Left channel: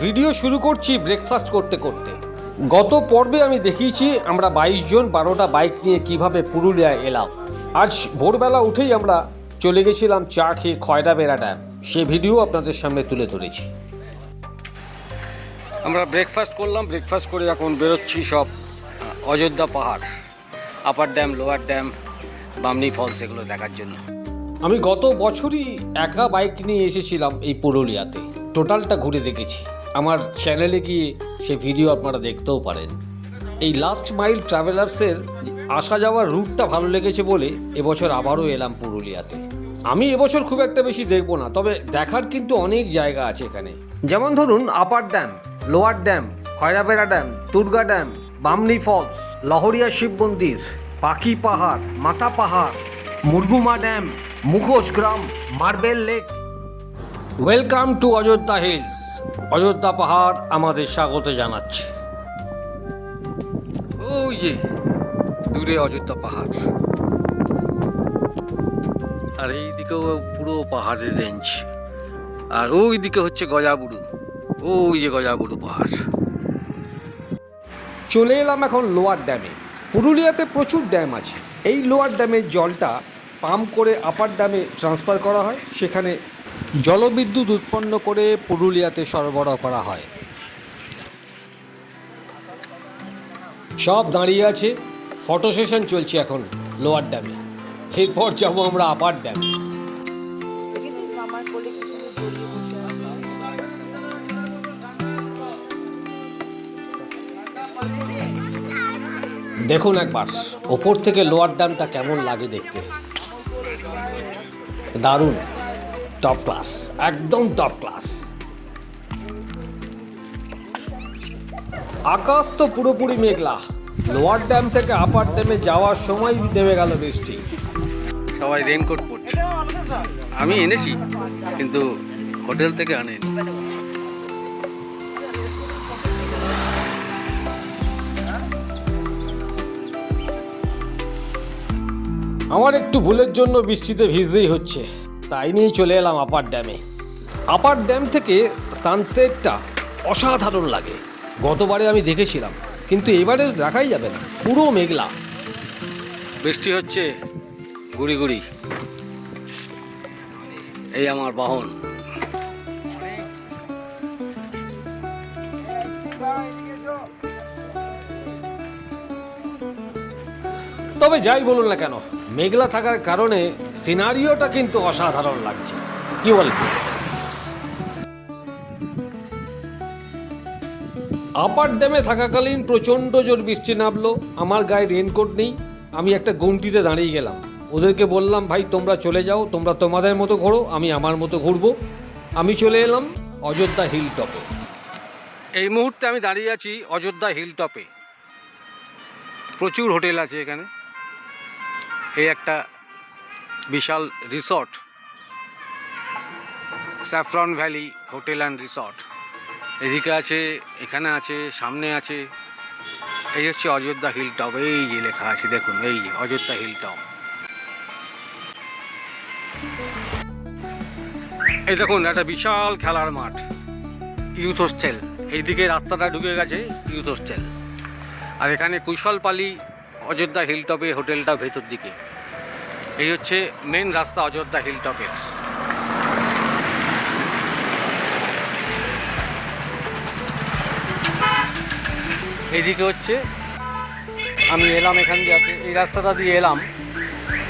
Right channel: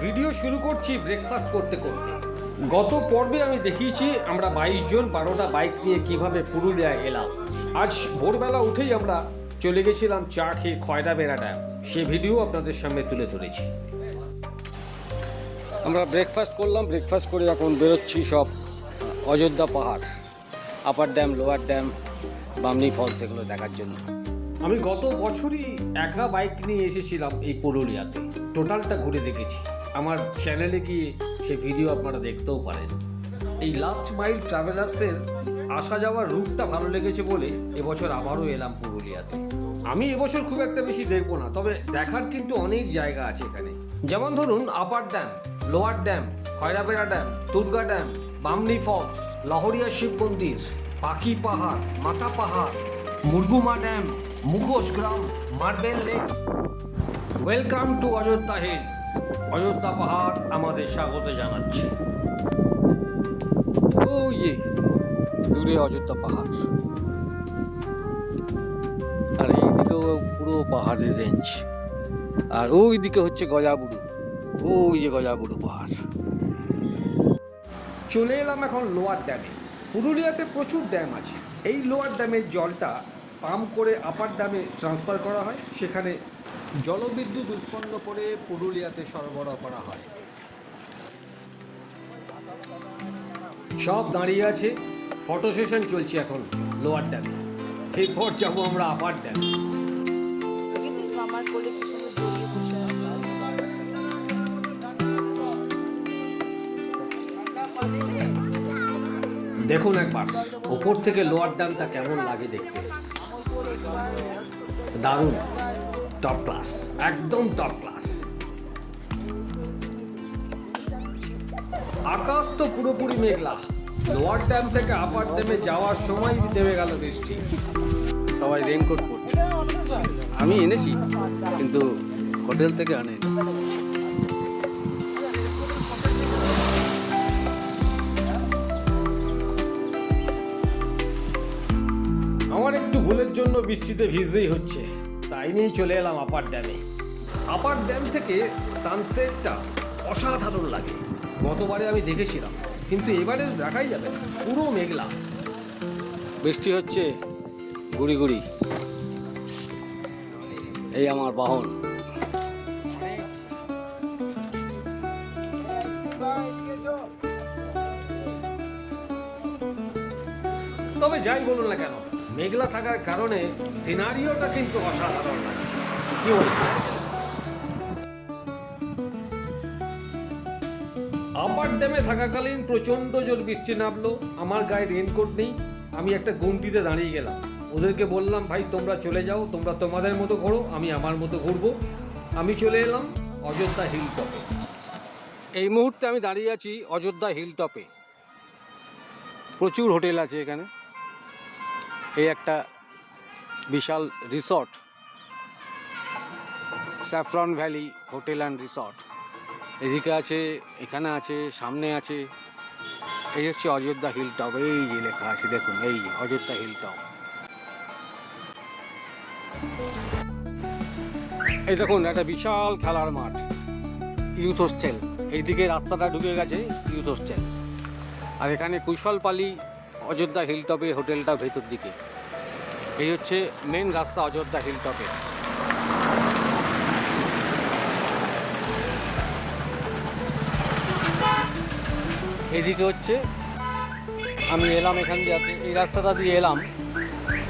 Video শুরু করছি breakfast করতে করতে। গত পর্বে আমি দেখিয়েছি আমরা বাইশ জন বারোটা বাইক নিয়ে কীভাবে পুরুলিয়ায় এলাম। আজ ভোরবেলা উঠেই আমরা চলে গেছিলাম চা খেয়ে খয়রা বেড়া ড্যাম সে ভিডিও আপনাদের সামনে তুলে ধরেছি। আমরা ব্রেকফাস্ট করলাম ব্রেকফাস্ট করে এখন বেরোচ্ছি সব Ayodhya Pahar upper dam lower dam Bamni falls এগুলো দেখার জন্য। আমি গত বছরই একা বাইক নিয়ে এসেছিলাম এই পুরুলিয়াতে। টোটালটা ঘুরে দেখেছি। আমার চ্যানেলে গিয়ে সে ভিডিও আপনারা দেখতেও পারেন। এই লাস্ট মাইল ট্রাভেলার্সের আসা যাওয়ার রুটটা ভালো লেগেছে বলে এবছর আবারও এলাম পুরুলিয়াতে। আমি এবছর খুব একটা বেশি দেখব না, তবে দেখার কিন্তু অনেক জায়গা আছে এখানে। যেমন ধরুন upper dam lower dam Khairabera dam Durga dam Bamni falls Lahariya Shiv মন্দির, পাখি পাহাড়, মাথা পাহাড়, মুরগুমা ড্যাম মুখোশ গ্রাম, marble lake welcome to Ayodhya hills Ayodhya Pahar আমাদের স্বাগত জানাচ্ছে। ওই যে দূরে অযোধ্যা পাহাড় আর এইদিকেও পুরো পাহাড়ের রেঞ্জ আর ওই দিকে হচ্ছে গজাবুড়ু ওই যে গজাবুড়ু পাহাড়। চলে এলাম এখন লোয়ার ড্যামে। পুরুলিয়াতে প্রচুর ড্যাম আছে। এই লোয়ার ড্যামের জলটা পাম্প করে আপার ড্যামে ট্রান্সফার করা হয়। সেখানে জলবিদ্যুৎ উৎপন্ন করে পুরুলিয়াতে সরবরাহ করা হয়। সব দাঁড়িয়ে আছে ফটো সেশন চলছে এখন লোয়ার ড্যামে এরপর যাব আমরা আপার ড্যামে দেখুন একবার, ওপর থেকে লোয়ার ড্যামটা কেমন লাগে দেখতে। দারুণ। টপ ক্লাস একদম টপ ক্লাস আকাশ তো পুরোপুরি মেঘলা। লোয়ার ড্যাম থেকে আপার ড্যামে যাওয়ার সময় নেমে গেল বৃষ্টি। সবাই রেনকোট পরছে আমি এনেছি কিন্তু হোটেল থেকে আনেনি। আমার একটু ভুলের জন্য বৃষ্টিতে ভিজতেই হচ্ছে। তাই নিয়েই চলে এলাম আপার ড্যামে। আপার ড্যাম থেকে সানসেটটা অসাধারণ লাগে। গতবারে আমি দেখেছিলাম, কিন্তু এবারে দেখাই যাবে না, পুরো মেঘলা। বৃষ্টি হচ্ছে, গুড়ি গুড়ি। এই আমার বাহন। যাই বলুন না কেন, মেঘলা থাকার কারণে সিনারিওটা কিন্তু অসাধারণ লাগছে। কি বলব? আপার ড্যামে থাকাকালীন প্রচণ্ড জোর বৃষ্টি নামলো, আমার গায়ে রেনকোট নেই, আমি একটা গুমটিতে দাঁড়িয়ে গেলাম। ওদেরকে বললাম, ভাই, তোমরা চলে যাও, তোমরা তোমাদের মতো ঘোরো, আমি আমার মতো ঘুরবো। আমি চলে এলাম অযোধ্যা হিল টপে এই মুহূর্তে আমি দাঁড়িয়ে আছি অযোধ্যা হিল টপে প্রচুর হোটেল আছে এখানে। এই একটা বিশাল resort, saffron valley hotel and resort. এদিকে আছে, এখানে আছে, সামনে আছে। এই হচ্ছে অযোধ্যা হিল টপ এই যে লেখা আছে, দেখুন, এই যে অযোধ্যা হিল টপ এই দেখুন, একটা বিশাল খেলার মাঠ ইউথ হোস্টেল এইদিকে রাস্তাটা ঢুকে গেছে ইউথ হোস্টেল আর এখানে কুশলপালি অযোধ্যা হিলটপে হোটেলটা ভেতর দিকে। এই হচ্ছে মেন রাস্তা অযোধ্যা হিলটপে। এদিকে হচ্ছে, আমি এলাম এখান দিয়ে, এই রাস্তাটা দিয়ে এলাম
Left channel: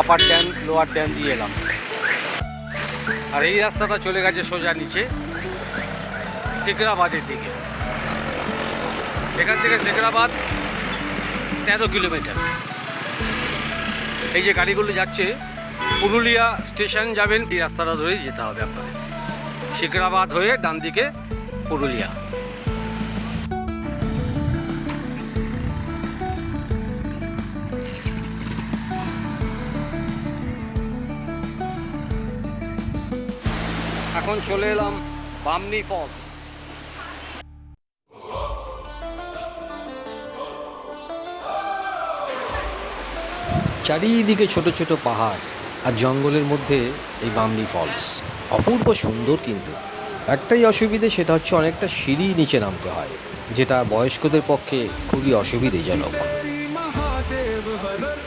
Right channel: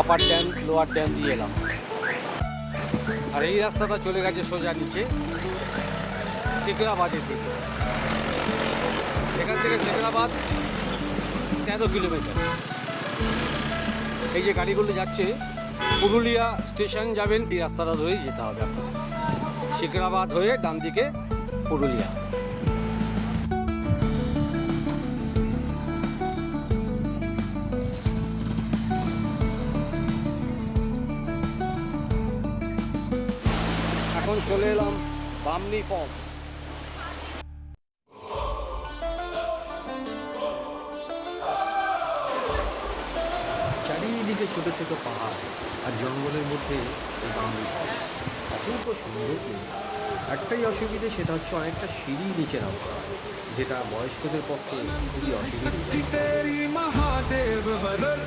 আপার ড্যাম লোয়ার ড্যাম দিয়ে এলাম। আর এই রাস্তাটা চলে গেছে সোজা নিচে, সেকরাবাদের দিকে। এখান থেকে সেকরাবাদ তেরো কিলোমিটার। এই যে গাড়িগুলো যাচ্ছে, পুরুলিয়া স্টেশন যাবেন, এই রাস্তাটা ধরেই যেতে হবে আপনাদের শিকরাবাদ হয়ে ডান দিকে পুরুলিয়া। এখন চলে এলাম বামনি ফলস। চারিদিকে ছোট ছোট পাহাড় আর জঙ্গলের মধ্যে এই বামনি ফলস অপূর্ব সুন্দর কিন্তু একটাই অসুবিধে সেটা হচ্ছে অনেকটা সিঁড়ি নিচে নামতে হয় যেটা বয়স্কদের পক্ষে খুবই অসুবিধেজনক तेरी महादेव हरर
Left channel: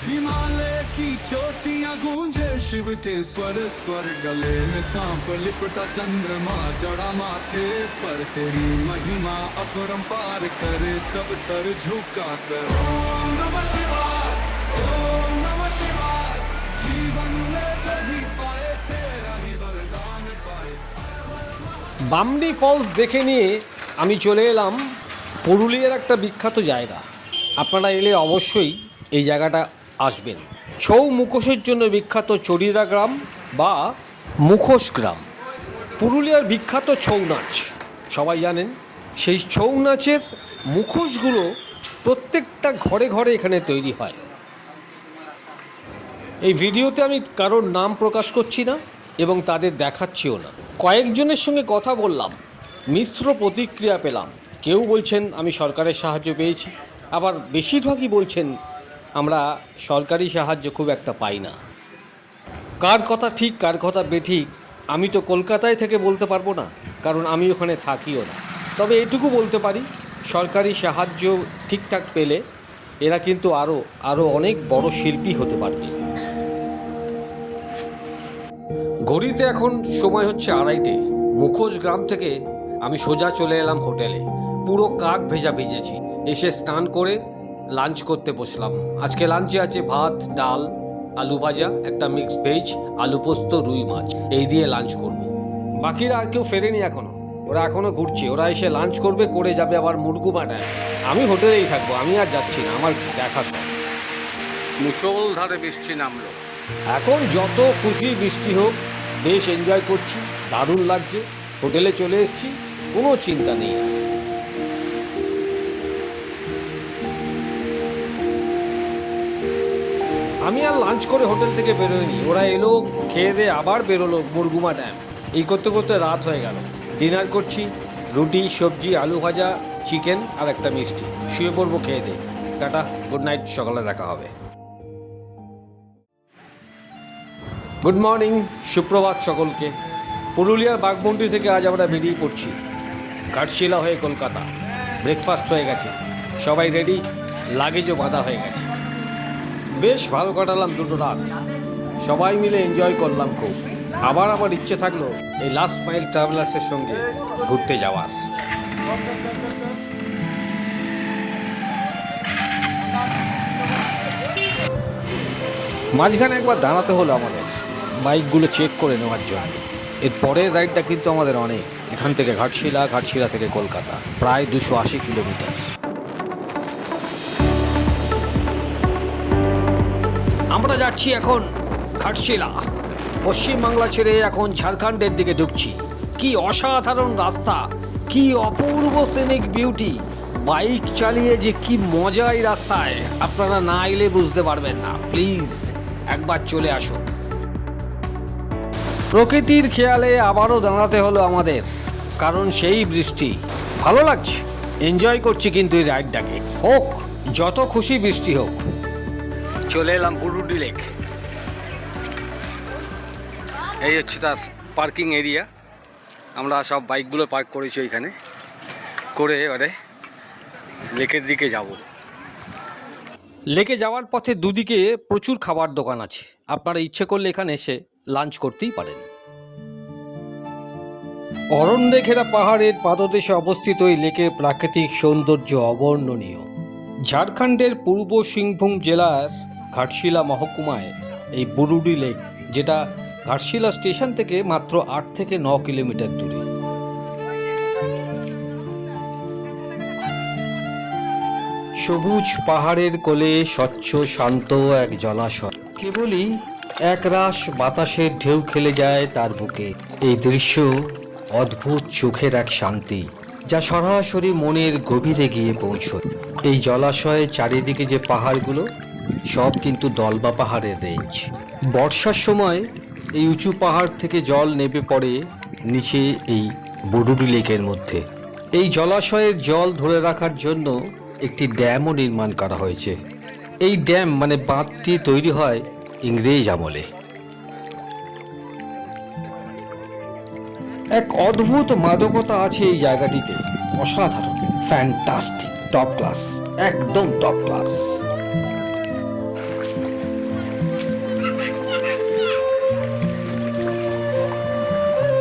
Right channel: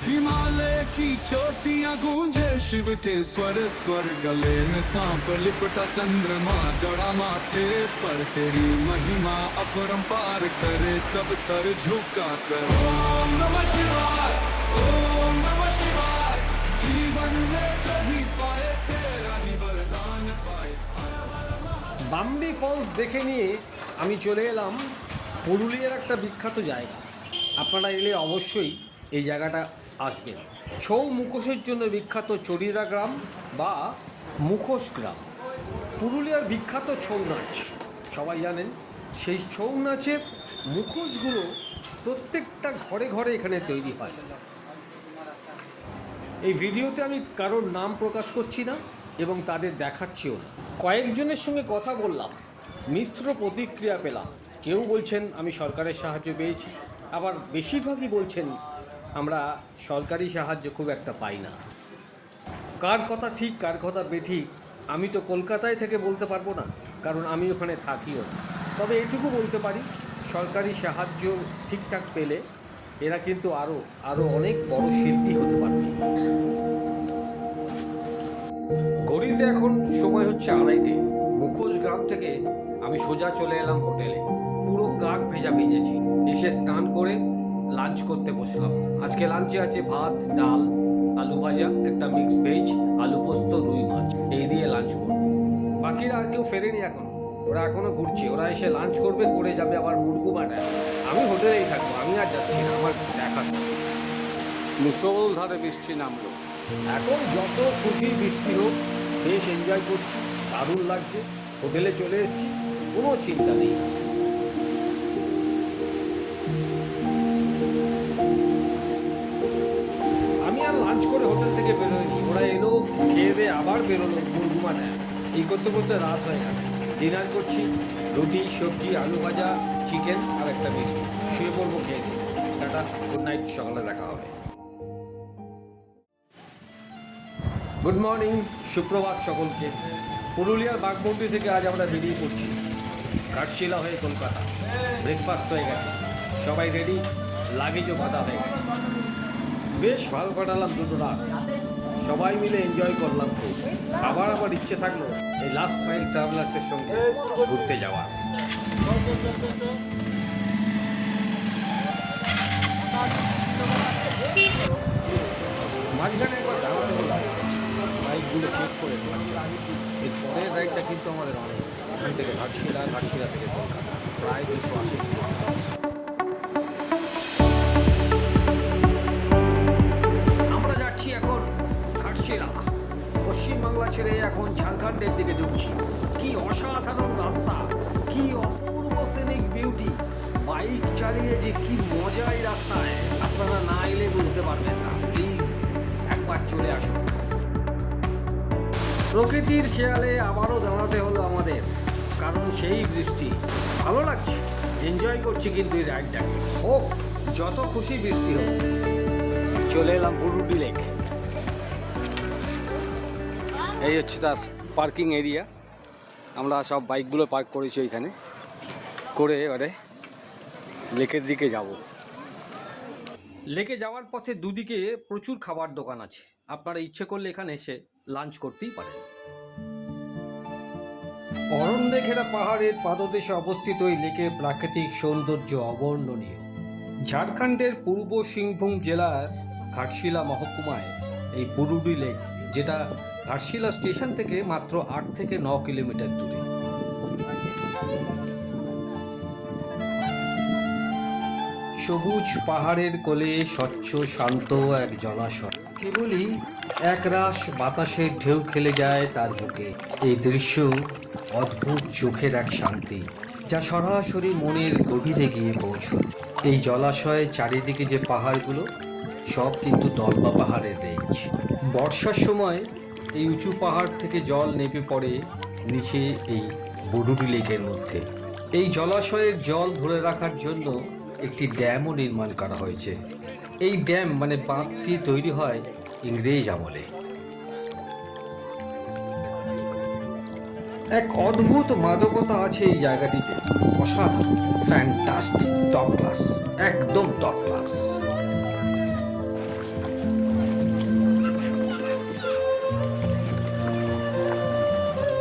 हिमालय की चोटियां गूंजे शिव के स्वर स्वर गले में सांप लिपटा चंद्रमा जड़ा माथे पर तेरी महिमा अपरंपार करे सब सर झुका कर ओम नमः शिवाय বামনি ফলস দেখে নিয়ে আমি চলে এলাম পুরুলিয়ার একটা বিখ্যাত জায়গা। আপনারা এলে অবশ্যই এই জায়গাটা আসবেন। ছৌ মুখোশের জন্য বিখ্যাত চরিদা গ্রাম বা মুখোশ গ্রাম। পুরুলিয়ার বিখ্যাত ছৌ নাচ, সবাই জানেন, সেই ছৌ নাচের মুখোশগুলো প্রত্যেকটা ঘরে ঘরে এখানে তৈরি হয়। এই ভিডিওতে আমি কারোর নাম প্রকাশ করছি না এবং তাদের দেখাচ্ছিও না। কয়েকজনের সঙ্গে কথা বললাম, মিশ্র প্রতিক্রিয়া পেলাম। কেউ বলছেন, আমি সরকারের সাহায্য পেয়েছি। আবার বেশিরভাগই বলছেন, আমরা সরকারি সাহায্য খুব একটা পাই না। কার কথা ঠিক, কার কথা বেঠিক, আমি তো কলকাতায় থেকে বলতে পারব না, কারণ আমি ওখানে থাকিও না। তবে এটুকু বলতে পারি, সরকারি সাহায্য ঠিকঠাক পেলে এরা কিন্তু আরও আরও অনেক বড় শিল্পী হতে পারবে। ঘড়িতে এখন সময় হচ্ছে আড়াইটে। মুখোশ গ্রাম থেকে আমি সোজা চলে এলাম হোটেলে। পুরো কাক ভেজা ভিজেছি। এসে স্নান করে লাঞ্চ করতে বসলাম। আজকে লাঞ্চে আছে ভাত ডাল আলু ভাজা একটা মিক্স ভেজ আলু পোস্ত রুই মাছ। এই দিয়ে লাঞ্চ করব। বাকিরা আর কেউ ফেরেনি এখনও। ওরা এখনও ঘুরছে। ওরা এসে লাঞ্চ করবে করে যাবে আবার মুরগুমাটায় আমি হোটেলেই থাকব। আমি আর যাচ্ছি না। আমার দেখা সব। মুসলধারে বৃষ্টি নামলো। এখন যত খুশি বৃষ্টি হোক বেশ এনজয় করছি, দারুণ লাগছে, হোটেলে চলে এসেছি, কোনো চিন্তা নেই আর। আমি আর লাঞ্চ করে হোটেল থেকে বেরোয়নি ওরা এলো, খেয়ে দিয়ে আবার বেরোলো মুরগুমা ড্যাম এই করতে করতে রাত হয়ে গেল। ডিনার করছি, রুটি, সবজি, আলু ভাজা চিকেন আর একটা মিষ্টি। শুয়ে পড়ব খেয়ে দিয়ে। টাটা গুড নাইট সকালে দেখা হবে। গুড মর্নিং সুপ্রভাত সকলকে। পুরুলিয়ার বাঘমন্ডি থেকে আজ আমরা বেরিয়ে পড়ছি। ঘাটশিলা হয়ে কলকাতা। ব্রেকফাস্ট হয়ে গেছে। সবাই রেডি লাগেজও বাঁধা হয়ে গেছে। বেশ ভালো কাটালাম দুটো রাত। সবাই মিলে এনজয় করলাম খুব। আবার আমার ইচ্ছে থাকল এই লাস্ট মাইল ট্রাভেলার্সের সঙ্গে ঘুরতে যাওয়ার। মাঝখানে একবার দাঁড়াতে হলো আমাদের। বাইকগুলো চেক করে নেওয়ার জন্য। এর পরের রাইডটা কিন্তু আমাদের অনেক। এখান থেকে ঘাটশিলা ঘাটশিলা থেকে কলকাতা, প্রায় দুশো আশি কিলোমিটার। আমরা যাচ্ছি এখন ঘাটশিলা। পশ্চিমবাংলা ছেড়ে এখন ঝাড়খণ্ডের দিকে ঢুকছি। কি অসাধারণ রাস্তা, কি অপূর্ব সিনিক বিউটি বাইক চালিয়ে যে কি মজা এই রাস্তায়। আপনারা না এলে বুঝতে পারবেন না। প্লিজ একবার চলে আসুন। প্রকৃতির খেয়ালে আবারও দাঁড়াতে হলো আমাদের, কারণ সেই বৃষ্টি। ভালো লাগছে। এনজয় করছি কিন্তু এই রাইডটাকে হোক, যত খুশি বৃষ্টি হোক। চলে এলাম বুরুডি লেক। এই হচ্ছে তার পার্কিং এরিয়া। আমরা সব বাইকগুলো পার্ক করেছি ওইখানে। করে এবারে লেকের দিকে যাব। লেকে যাওয়ার পথে দুদিকে প্রচুর খাবার দোকান আছে। আপনারা ইচ্ছে করলে এখানে এসে লাঞ্চ করতেই পারেন। অরণ্যে ঘেরা পাহাড়ের পাদদেশে অবস্থিত এই লেকের প্রাকৃতিক সৌন্দর্য অবর্ণনীয়। ঝাড়খণ্ডের পূর্ব সিংভূম জেলার ঘাটশিলা মহকুমায় এই বুরুডি লেক, যেটা ঘাটশিলা স্টেশন থেকে মাত্র আট থেকে ন কিলোমিটার দূরে। সবুজ পাহাড়ের কোলে স্বচ্ছ, শান্ত এক জলাশয়। কেবলই একরাশ বাতাসের ঢেউ খেলে যায় তার বুকে। এই দৃশ্য অদ্ভুত চোখের এক শান্তি, যা সরাসরি মনের গভীরে গিয়ে পৌঁছয় এই জলাশয়ের চারিদিকে যে পাহাড়গুলো, সব কিন্তু দলবা পাহাড়ের রেঞ্জ বর্ষার সময় এই উঁচু পাহাড় থেকে জল নেমে পড়ে নিচে এই বুডুডি লেকের মধ্যে। এই জলাশয়ের জল ধরে রাখার জন্য একটি ড্যামও নির্মাণ করা হয়েছে। এই ড্যাম মানে বাঁধটি তৈরি হয় ইংরেজ আমলে। এক অদ্ভুত মাদকতা আছে এই জায়গাটিতে। অসাধারণ ফ্যান্টাস্টিক টপ ক্লাস একদম টপ ক্লাস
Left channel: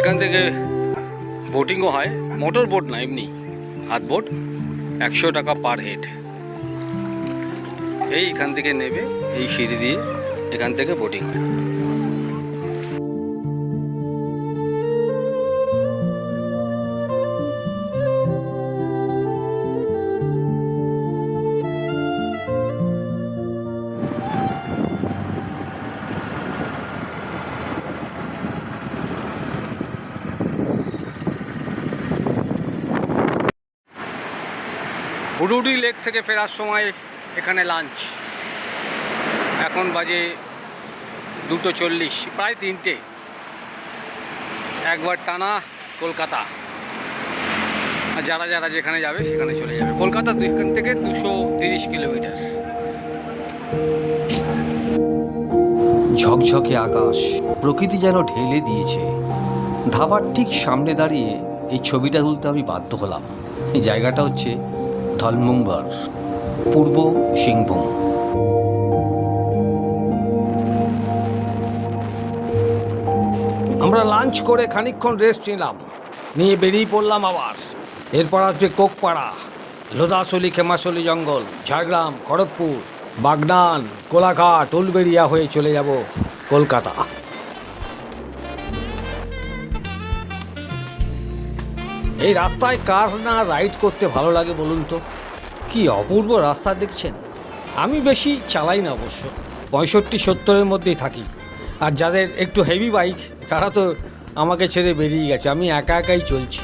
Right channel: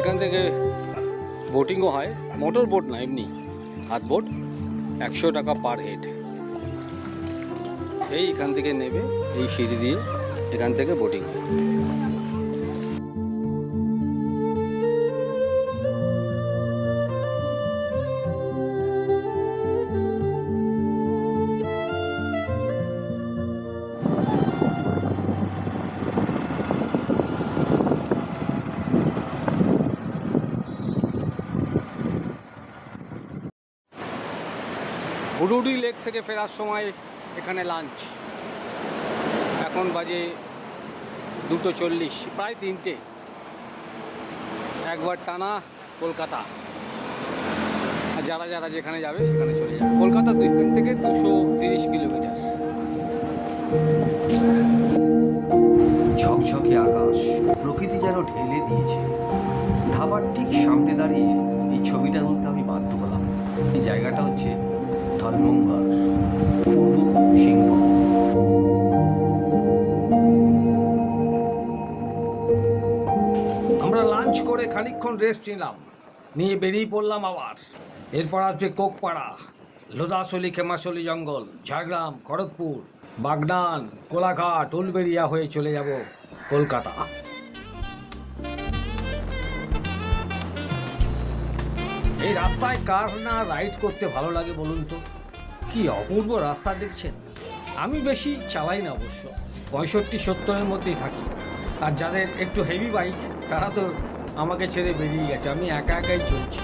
এখান থেকে বোটিংও হয় মোটর বোট না, এমনি, হাত বোট একশো টাকা পার হেড এই এখান থেকে নেবে, এই সিঁড়ি দিয়ে এখান থেকে বোটিং হয়। হুডুডি লেক থেকে ফেরার সময় এখানে লাঞ্চ এখন বাজে দুটো চল্লিশ, প্রায় তিনটে। একবার টানা কলকাতা। আর যারা যারা যেখানে যাবে সেখানে চলে যাবে। কলকাতা এখান থেকে দুশো তিরিশ কিলোমিটার। ঝকঝকে আকাশ, প্রকৃতি যেন ঢেলে দিয়েছে। ধাবার ঠিক সামনে দাঁড়িয়ে এই ছবিটা তুলতে আমি বাধ্য হলাম। এই জায়গাটা হচ্ছে ধলমুম্বার পূর্ব সিংভূম। আমরা লাঞ্চ করে খানিকক্ষণ রেস্ট নিলাম। নিয়ে বেরিয়ে পড়লাম আবার। এরপর আসবে কোকপাড়া, লোদাসলি, খেমাসলি জঙ্গল, ঝাড়গ্রাম, খড়গপুর, বাগনান, কোলাঘাট, উলবেড়িয়া হয়ে চলে যাব কলকাতা। এই রাস্তায় কার না রাইড করতে ভালো লাগে বলুন তো? কি অপূর্ব রাস্তা দেখছেন? আমি বেশি চালাই না অবশ্য, পঁয়ষট্টি, সত্তরের মধ্যেই থাকি। আর যাদের একটু হেভি বাইক তারা তো আমাকে ছেড়ে বেরিয়ে গেছে, আমি একা একাই চলছি।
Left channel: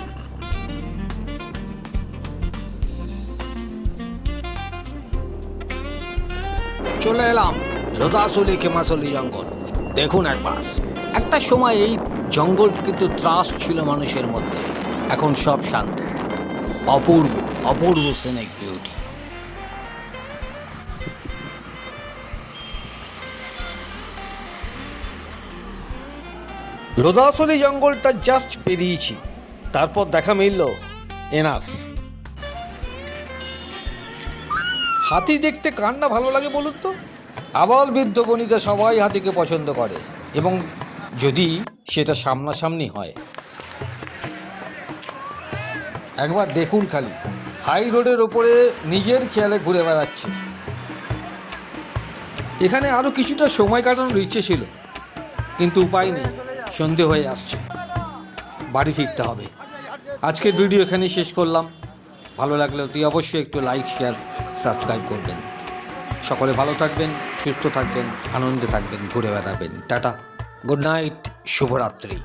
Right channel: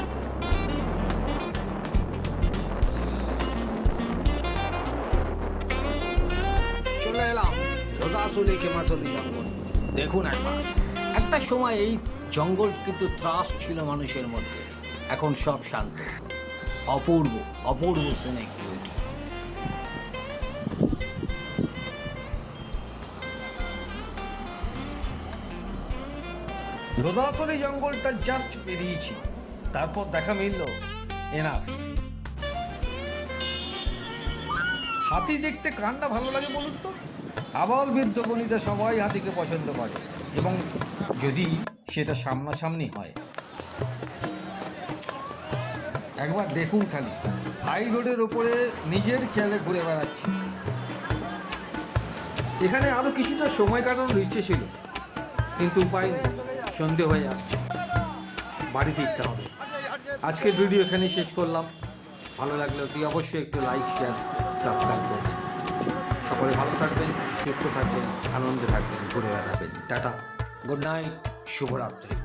চলে এলাম রোদাসলি খেমাসলি জঙ্গল। দেখুন একবার। একটা সময় এই জঙ্গল কিন্তু ত্রাস ছিল মানুষের মধ্যে। এখন সব শান্ত। অপূর্ব অপূর্ব সিনেক বিউটি। লোদাসলি জঙ্গলটা জাস্ট পেরিয়েছি। তারপর দেখা মিলল এনাস। হাতি দেখতে কার না ভালো লাগে বলুন তো? আবাল বৃদ্ধ বনিতা সবাই হাতিকে পছন্দ করে এবং যদি সেটা সামনাসামনি হয়। একবার দেখুন খালি। হাই রোডের ওপরে নিজের খেয়ালে ঘুরে বেড়াচ্ছে। এখানে আরও কিছুটা সময় কাটানোর ইচ্ছে ছিল, কিন্তু উপায় নেই, সন্ধে হয়ে আসছে। বাড়ি ফিরতে হবে। আজকের ভিডিও এখানেই শেষ করলাম। ভালো লাগলে তুই অবশ্যই একটু লাইক শেয়ার সাবস্ক্রাইব করবেন। সকলে ভালো থাকবেন, সুস্থ থাকবেন, আনন্দে থাকবেন, ঘুরে বেড়াবেন। টাটা। গুড নাইট, শুভরাত্রি।